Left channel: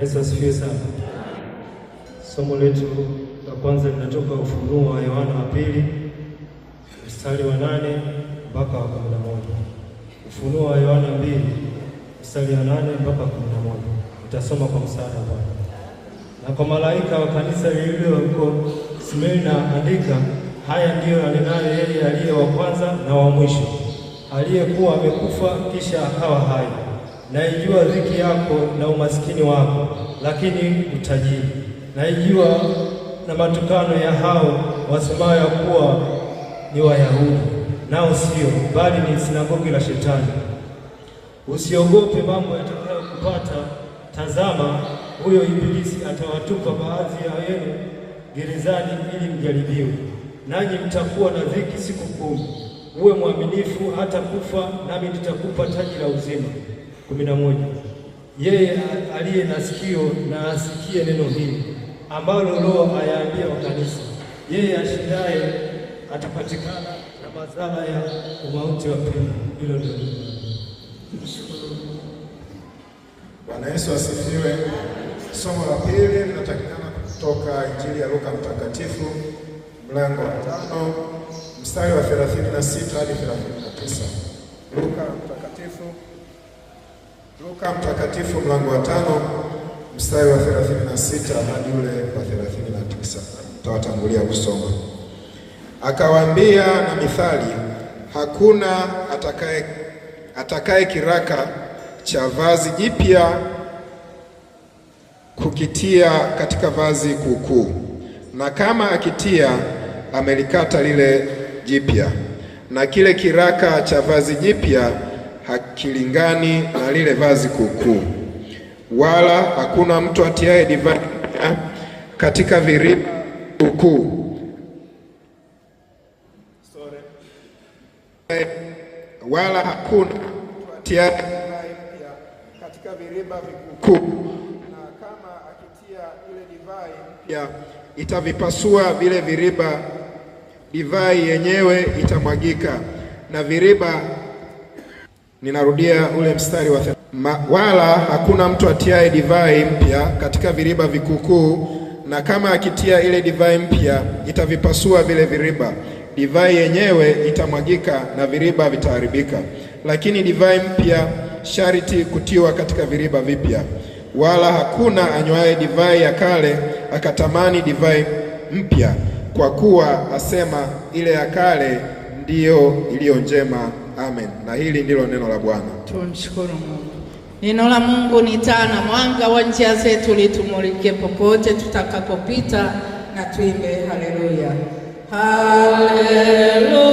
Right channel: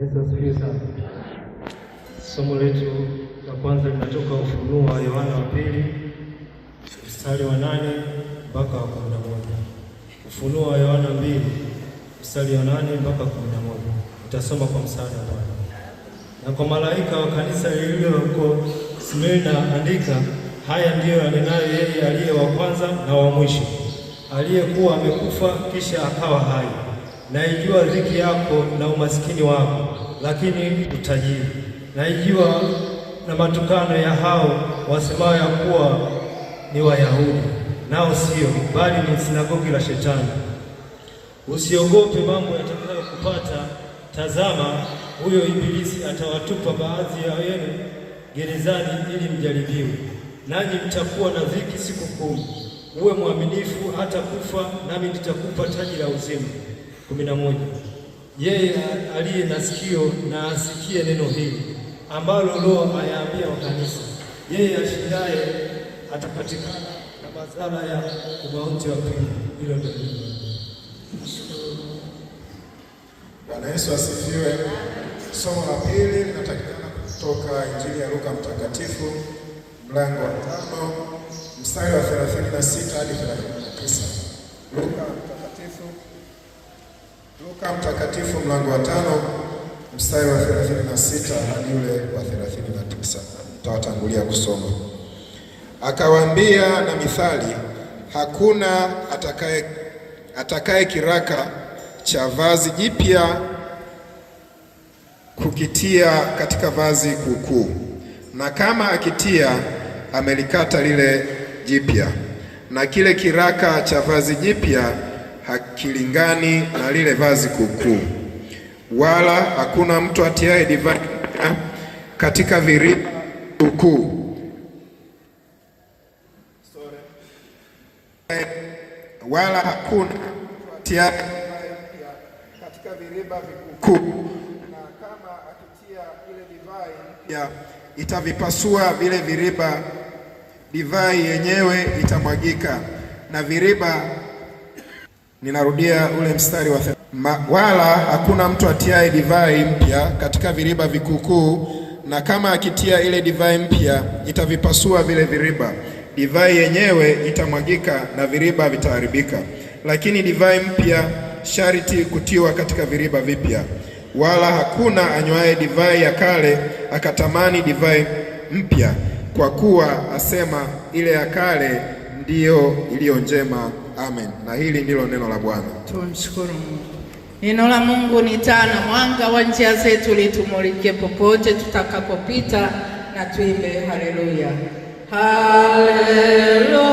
Yesu asifiwe sana. Somo letu la kwanza linatoka Ufunuo wa Yohana wa pili mstari wa 8 mpaka 11. Ufunuo wa Yohana 2 mstari wa 8 mpaka 11. Nitasoma kwa msaada wako. Na kwa malaika wa kanisa lililo huko Smirna andika, haya ndiyo anenayo yeye aliye wa kwanza na wa mwisho, aliyekuwa amekufa kisha akawa hai. Naijua dhiki yako na umasikini wako, lakini utajiri. Naijua na matukano ya hao wasemao ya kuwa ni Wayahudi, nao sio, bali ni sinagogi la Shetani. Usiogope mambo yatakayokupata. Tazama, huyo Ibilisi atawatupa baadhi ya wenu gerezani ili mjaribiwe, nanyi mtakuwa na dhiki siku 10. Uwe mwaminifu hata kufa, nami nitakupa taji la uzima. 11. Yeye aliye na sikio na asikie neno hili ambalo Roho ayaambia kanisa. Yeye ashindaye atapatikana na madhara ya umauti wa pili. Hilo ndio. Bwana Yesu asifiwe. Somo la pili linatakikana kutoka Injili ya Luka Mtakatifu mlango wa 5 mstari wa 36 hadi 39. Luka Mtakatifu mlango wa 5 mstari wa 36 hadi ule wa 39. Tutawatangulia kusoma. Akawaambia na mithali, hakuna atakaye kiraka cha vazi jipya kukitia katika vazi kuukuu, na kama akitia, amelikata lile jipya, na kile kiraka cha vazi jipya hakilingani na lile vazi kuukuu. Wala hakuna mtu atiaye divai katika viriba kuukuu, wala hakuna mtu atiaye katika viriba vikuu, na kama akitia ile divai mpya, itavipasua vile viriba, divai yenyewe itamwagika na viriba. Ninarudia ule mstari wa wala hakuna mtu atiaye divai mpya katika viriba vikukuu, na kama akitia ile divai mpya, itavipasua vile viriba, divai yenyewe itamwagika na viriba vitaharibika. Lakini divai mpya sharti kutiwa katika viriba vipya. Wala hakuna anywaye divai ya kale akatamani divai mpya, kwa kuwa asema ile ya kale ndiyo iliyo njema. Amen. Na hili ndilo neno la Bwana. Tumshukuru Mungu. Neno la Mungu ni taa na mwanga wa njia zetu, litumulike popote tutakapopita, na tuimbe haleluya. Haleluya.